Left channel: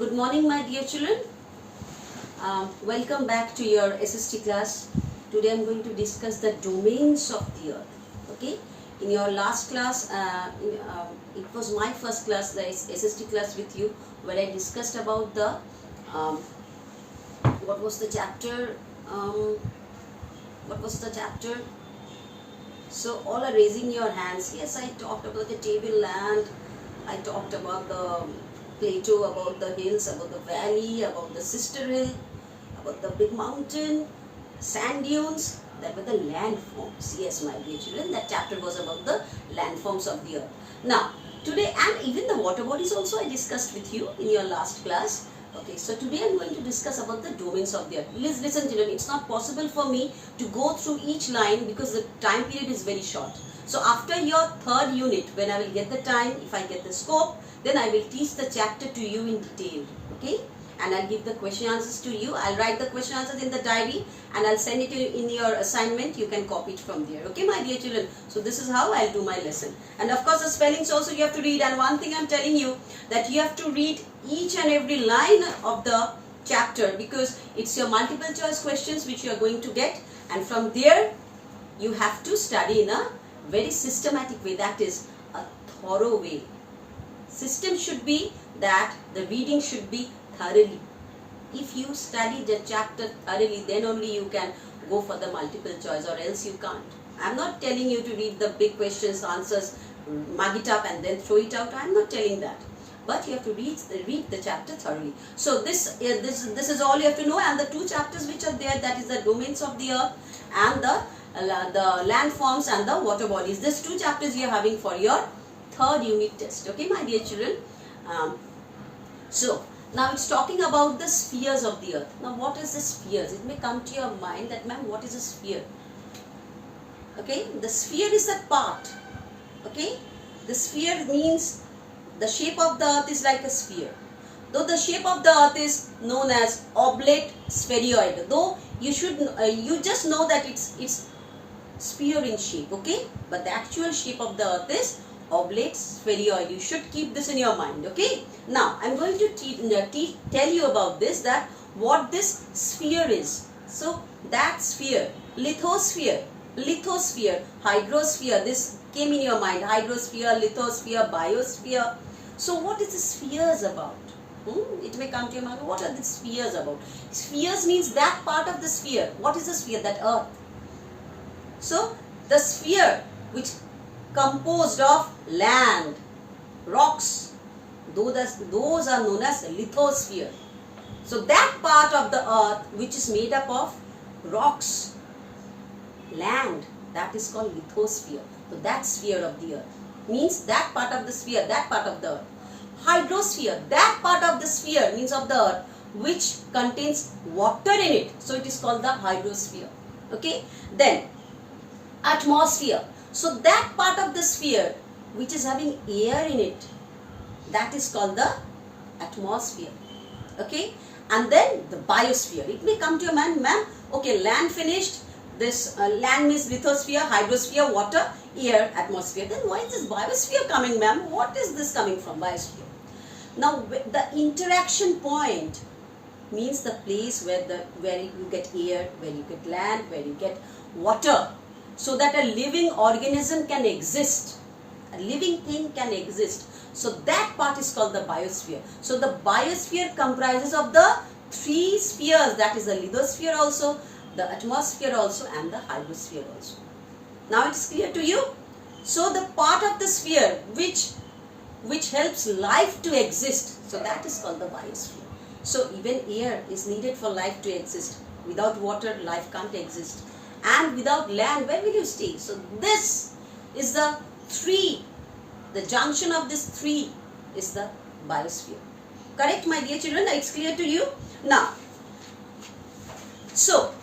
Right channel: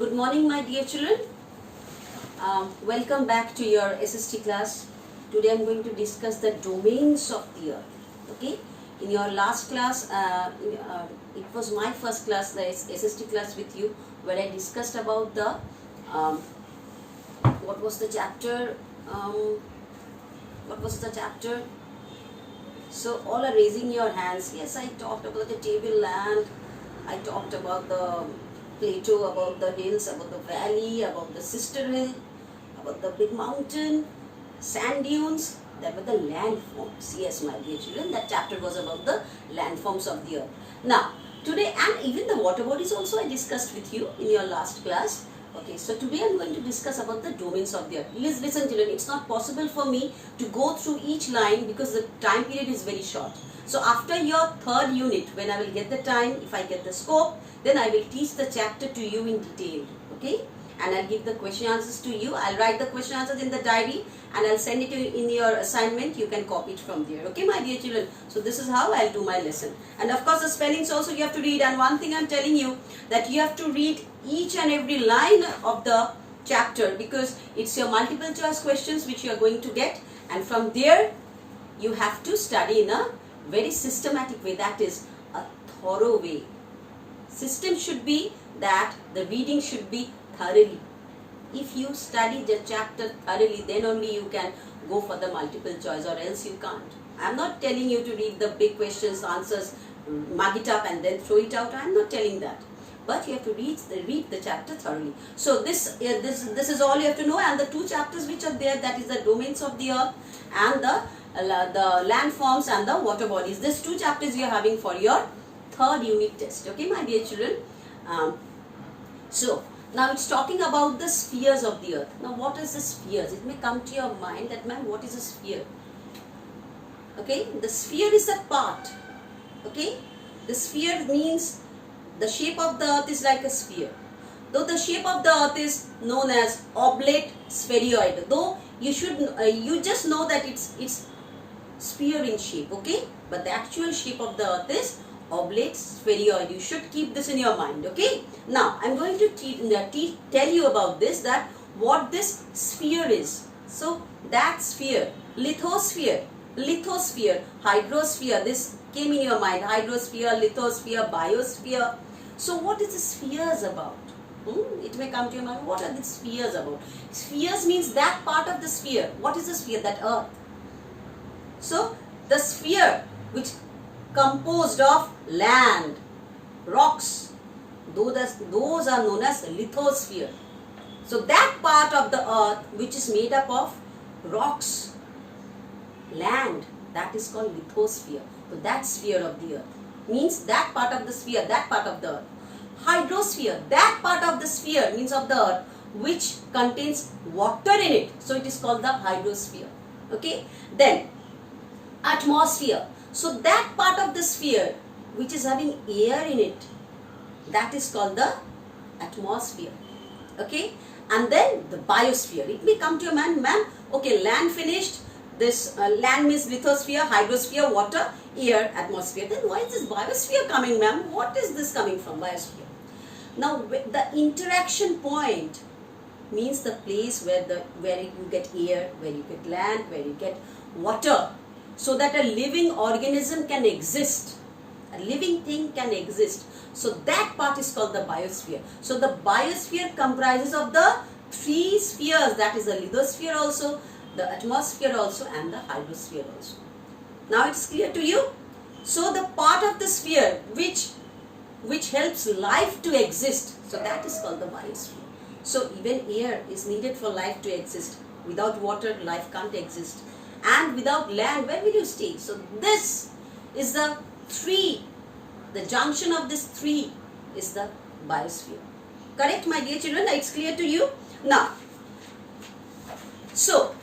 Good morning, my dear children. Welcome back to your SST class. Today I'm going to discuss the domains of the earth. Okay. In your last class, it was my first class, the SST class with you, where I discussed about the what was the chapter? What was the chapter? So all are raising your hands. Yes, I talked about the tableland. I talked about the plateau, about the hills, about the valley, about the sister hill, about the big mountain, sand dunes. That were the landforms. Yes, my dear children, that chapter was about the landforms of the earth. Now, today, and even the water bodies also I discussed with you in your last class. Okay, so today I am going to discuss about the domains of the earth. Please listen, children, it's not possible for me to go through each line because the time period is very short. So after your third unit, when I will get the time, if I get the scope, then I will teach the chapter to you in detail. Okay, and I'll give the question answers to you. I'll write the question answers in the diary and I'll send it to you in your assignment. You can copy it from there. Okay, my dear children. So this is how I'll do my lesson. And of course the spellings also you have to read. And one thing I'm telling you, that you have to read each and every line of the chapter, because it's your multiple choice questions which you are going to get. And from there you have to study in a very systematic way, that is a thorough way. System should be that the reading should be thoroughly. If you study the chapter thoroughly, then only you can go for the multiple choice, or else you can't. I'm not telling you to read the big questions, answers, mug it up and then throw it out. I'm not telling that. But you have to read the chapter thoroughly. So this is all you have to know. And the two chapters which are there, that is the domains of the earth and the landforms and the water bodies. These two chapters you are having for your third unit test. Okay, my dear children. So now it's talking about the spheres of the earth. Now what is the spheres? It may come to your mind that, ma'am, what is a sphere? Okay, the sphere is a part. Okay, the sphere means the shape of the earth is like a sphere. Though the shape of the earth is known as oblate spheroid. Though you should you just know that it's sphere in shape. Okay, but the actual shape of the earth is oblate spheroid. You should keep this in your mind. Okay. Now I'm going to tell you about this, that what this sphere is. So that sphere, lithosphere, hydrosphere. This came in your mind. Hydrosphere, lithosphere, biosphere. So what is the spheres about? It may come to your mind. What are the spheres about? Spheres means that part of the sphere. What is the sphere? That earth. So the sphere which composed of land, rocks, those are known as lithosphere. So that part of the earth which is made up of rocks, land, that is called lithosphere. So that sphere of the earth means that part of the sphere, that part of the earth. Hydrosphere, that part of the sphere means of the earth which contains water in it. So it is called the hydrosphere. Okay. Then atmosphere. So that part of the sphere which is having air in it, that is called the atmosphere. Okay. And then the biosphere. It may come to your mind, ma'am, okay, land finished. This land means lithosphere, hydrosphere, water, air, atmosphere. Then why is this biosphere coming, ma'am? What is this coming from, biosphere? Now the interaction point means the place where you get air, where you get land, where you get water, so that a living organism can exist. A living thing can exist. So that part is called the biosphere. So the biosphere comprises of the three spheres, that is the lithosphere also, the atmosphere also, and the hydrosphere also. Now it's clear to you? So the part of the sphere which helps life to exist, so that is called the biosphere. So even air is needed for life to exist. Without water, life can't exist. And without land, where will you stay? So this is the junction of this three is the biosphere. Correct, my dear children? It's clear to you? Now, so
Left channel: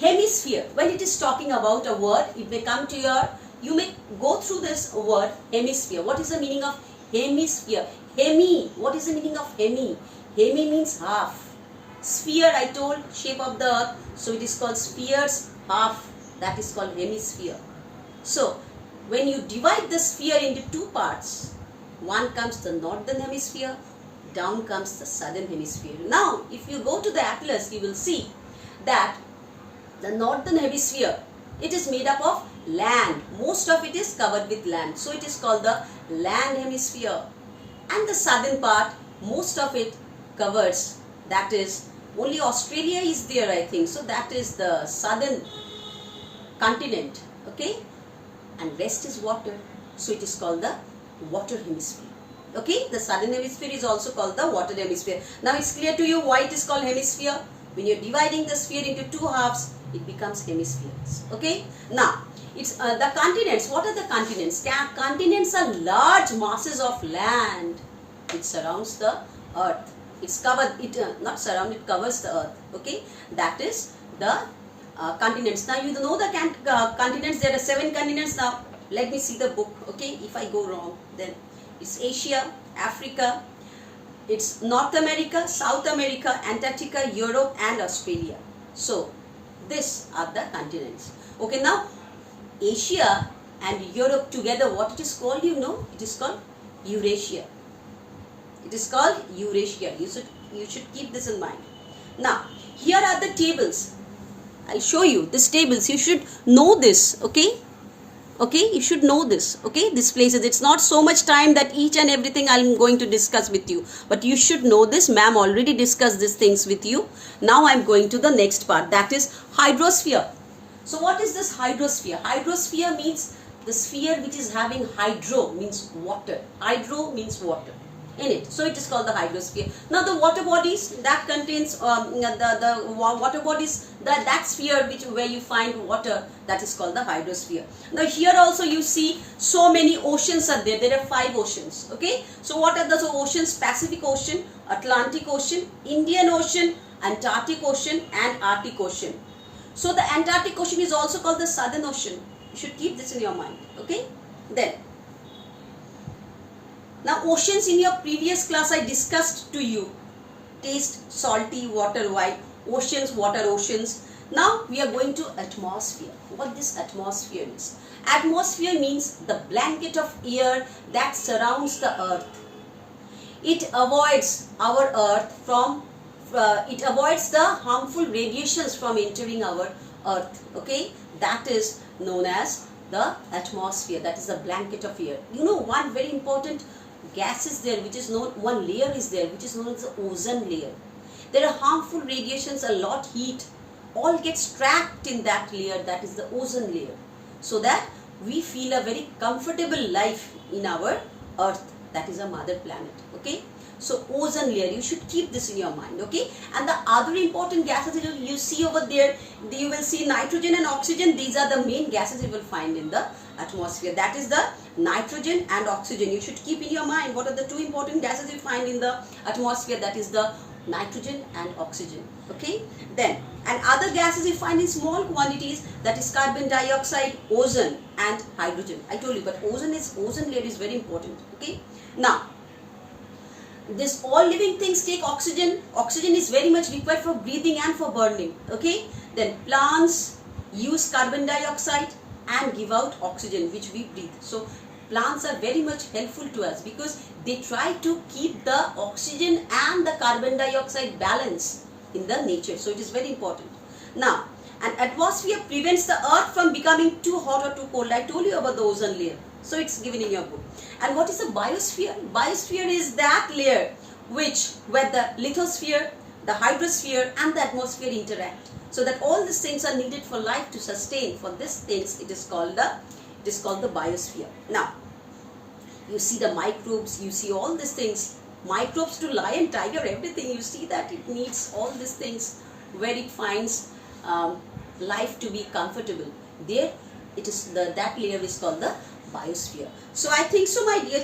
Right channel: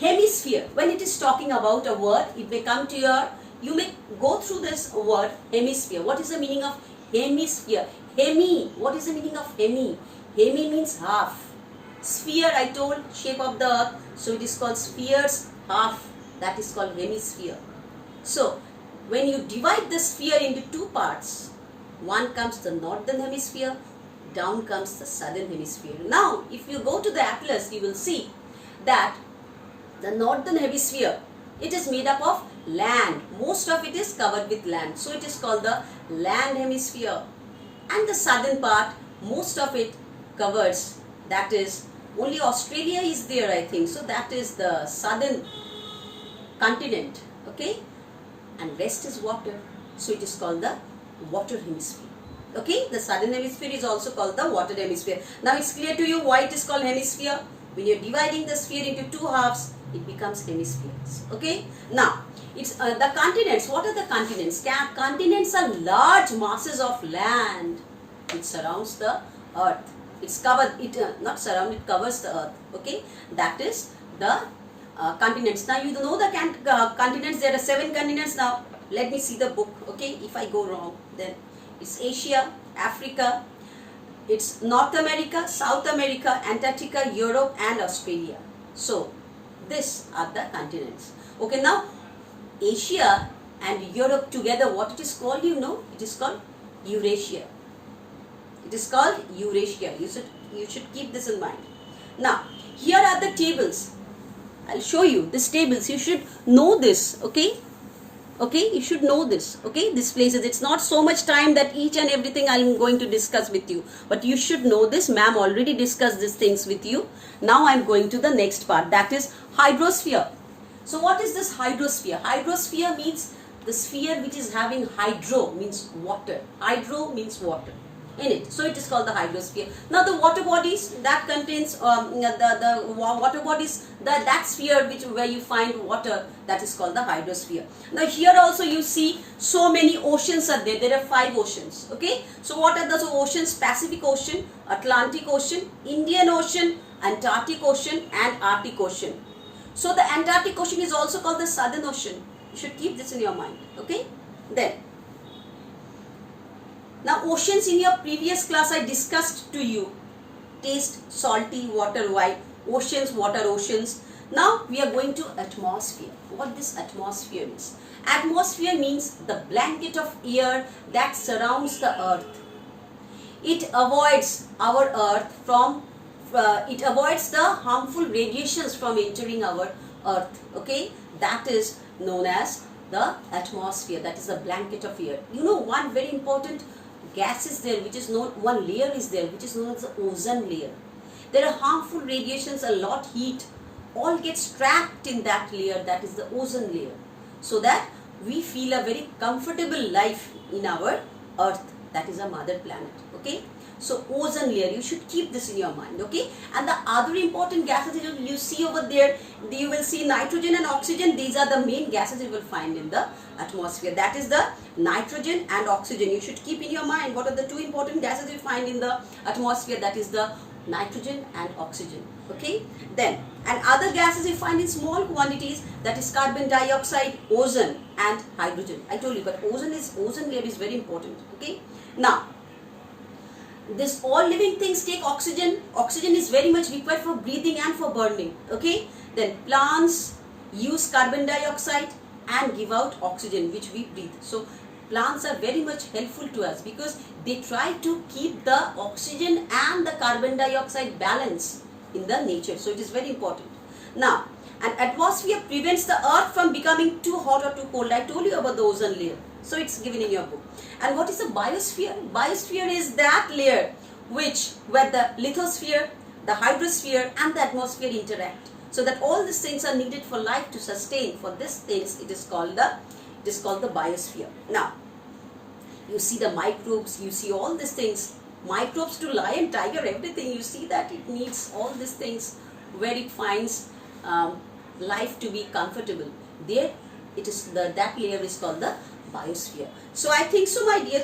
hemisphere, when it is talking about a word, it may come to you may go through this word hemisphere. What is the meaning of hemisphere? Hemi, what is the meaning of hemi? Hemi means half. Sphere, I told, shape of the earth, so it is called spheres, half, that is called hemisphere. So when you divide the sphere into two parts, one comes the northern hemisphere, down comes the southern hemisphere. Now, if you go to the atlas, you will see that the northern hemisphere, it is made up of land. Most of it is covered with land. So it is called the land hemisphere. And the southern part, most of it covers, that is, only Australia is there, I think. So that is the southern continent. Okay. And rest is water. So it is called the water hemisphere. Okay. The southern hemisphere is also called the water hemisphere. Now it's clear to you why it is called hemisphere. When you're dividing the sphere into two halves, it becomes hemispheres. Okay. Now, it's the continents. What are the continents? Continents are large masses of land which surrounds the earth. It's covered. It not surround. It covers the earth. Okay. That is the continents. Now you know the continents. There are 7 continents. Now let me see the book. Okay. If I go wrong, then it's Asia, Africa. It's North America, South America, Antarctica, Europe, and Australia. So, these are the continents. Okay, now Asia and Europe together, what it is called, you know? It is called Eurasia. It is called Eurasia. You should keep this in mind. Now, here are the tables. I'll show you these tables. You should know this. Okay. Okay, you should know this. Okay, these places. It's not so much time that each and everything I'm going to discuss with you. But you should know this. Ma'am already discussed these things with you. Now I'm going to the next part. That is hydrosphere. So what is this hydrosphere? Hydrosphere means the sphere which is having hydro, means water. Hydro means water in it. So it is called the hydrosphere. Now the water bodies, that contains the water bodies, that sphere where you find water, that is called the hydrosphere. Now here also you see so many oceans are there. There are 5 oceans. Okay. So what are those oceans? Pacific Ocean, Atlantic Ocean, Indian Ocean, Antarctic Ocean, and Arctic Ocean. So the Antarctic Ocean is also called the Southern Ocean. You should keep this in your mind. Okay. Then, now oceans, in your previous class I discussed to you. Taste, salty, water, white, oceans, water, oceans. Now we are going to atmosphere. What this atmosphere means? Atmosphere means the blanket of air that surrounds the earth. It avoids our earth from, it avoids the harmful radiations from entering our earth. Okay, that is known as the atmosphere. That is the blanket of air. You know, one very important gas is there, which is known, one layer is there, which is known as the ozone layer. There are harmful radiations, a lot heat, all gets trapped in that layer, that is the ozone layer, so that we feel a very comfortable life in our earth, that is a mother planet. Okay, so ozone layer, you should keep this in your mind. Okay, and the other important gases you see over there, you will see nitrogen and oxygen. These are the main gases you will find in the atmosphere. That is the nitrogen and oxygen. You should keep in your mind what are the 2 important gases you find in the atmosphere. That is the nitrogen and oxygen. Okay, then, and other gases you find in small quantities, that is carbon dioxide, ozone, and hydrogen. I told you, but ozone layer is very important. Okay, now this all living things take oxygen. Oxygen is very much required for breathing and for burning. Okay, then plants use carbon dioxide and give out oxygen which we breathe. So plants are very much helpful to us because they try to keep the oxygen and the carbon dioxide balance in the nature. So it is very important. Now, an atmosphere prevents the earth from becoming too hot or too cold. I told you about the ozone layer. So it's given in your book. And what is the biosphere? Biosphere is that layer where the lithosphere, the hydrosphere, and the atmosphere interact. So that all these things are needed for life to sustain. For these things, it is called the biosphere. Now, you see the microbes, you see all these things. Microbes to lion, tiger, everything. You see that it needs all these things where it finds life to be comfortable. There, it is that layer is called the biosphere. So I think so, my dear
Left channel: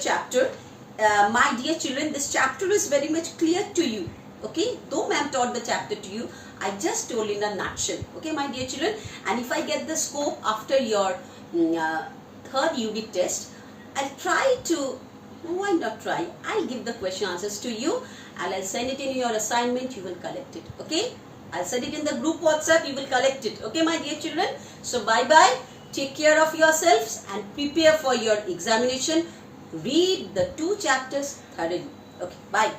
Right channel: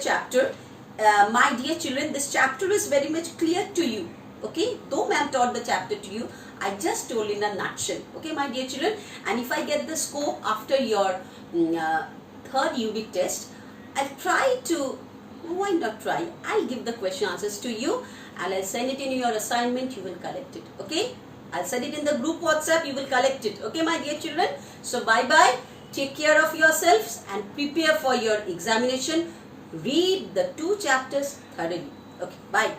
my dear children, this chapter is very much clear to you. Okay, though ma'am taught the chapter to you, I just told in a nutshell. Okay, my dear children, and if I get the scope after your 3rd unit test, I'll try to, why not try? I'll give the question answers to you and I'll send it in your assignment. You will collect it. Okay, I'll send it in the group WhatsApp. You will collect it. Okay, my dear children. So bye bye. Take care of yourselves and prepare for your examination. Read the 2 chapters thoroughly. Okay, bye.